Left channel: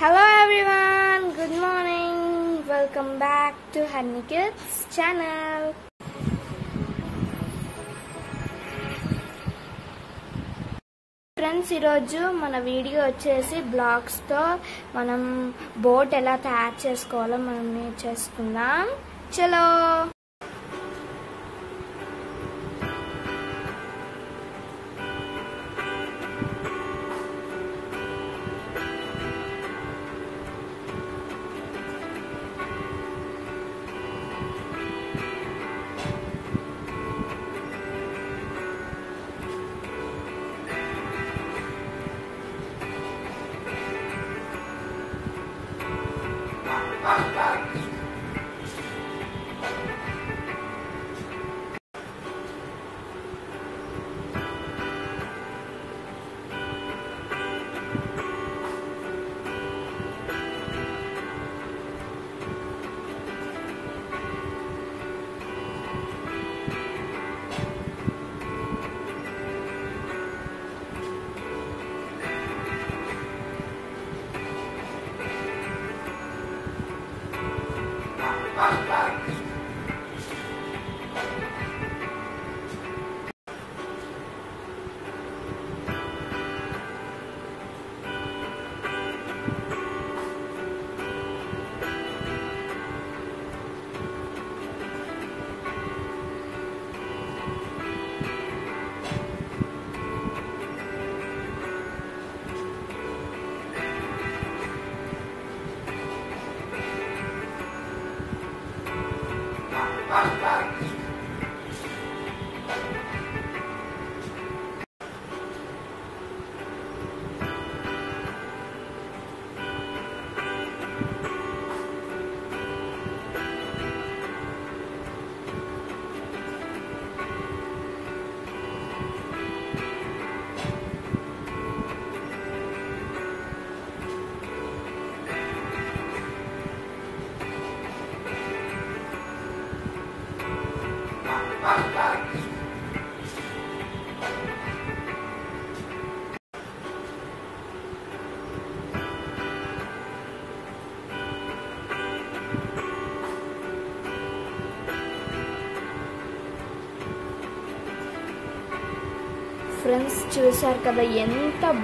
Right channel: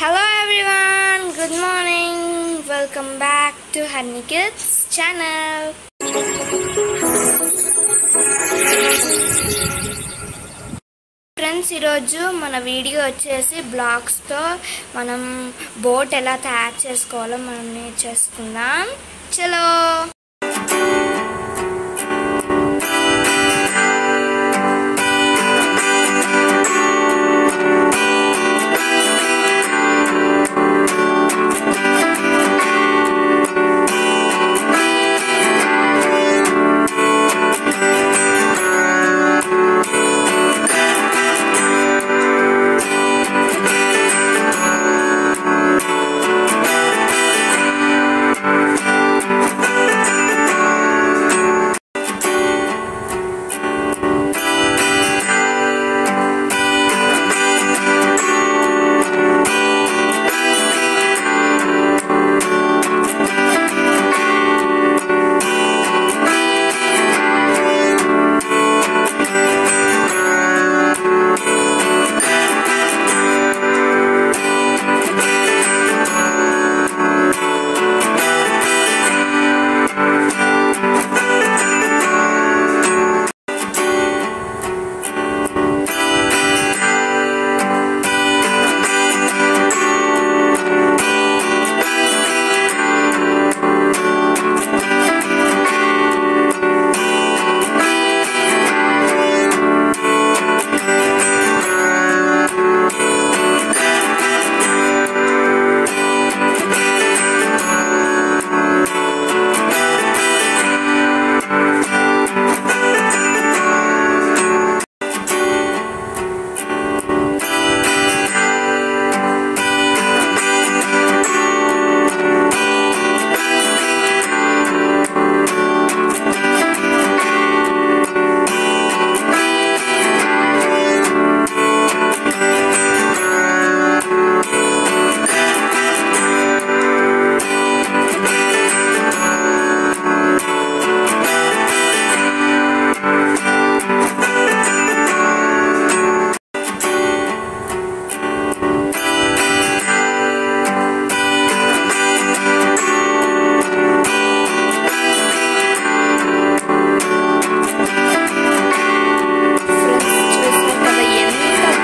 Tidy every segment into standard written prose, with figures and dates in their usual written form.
Hello everyone, good morning. Welcome back to Honey Kids channel. Friends ఈరోజు మన video వచ్చేసి బ్లాక్స్తో మనం బోట్ ఎలా తయారు చేసుకోవాలో మనం నేర్చేసుకుందాం. చలో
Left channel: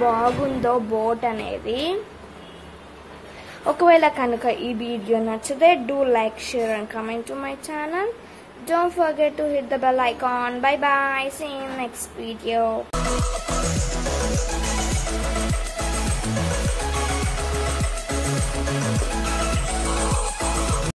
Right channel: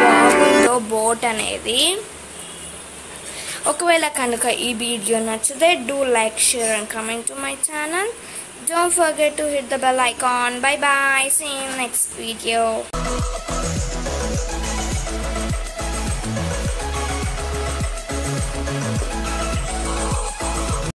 బాగుందో బోట్ అనేది. ఒకవేళ కనుక ఈ వీడియో నచ్చితే do like, share and comment to my channel. Don't forget to hit the bell icon. Bye bye. See you in next video.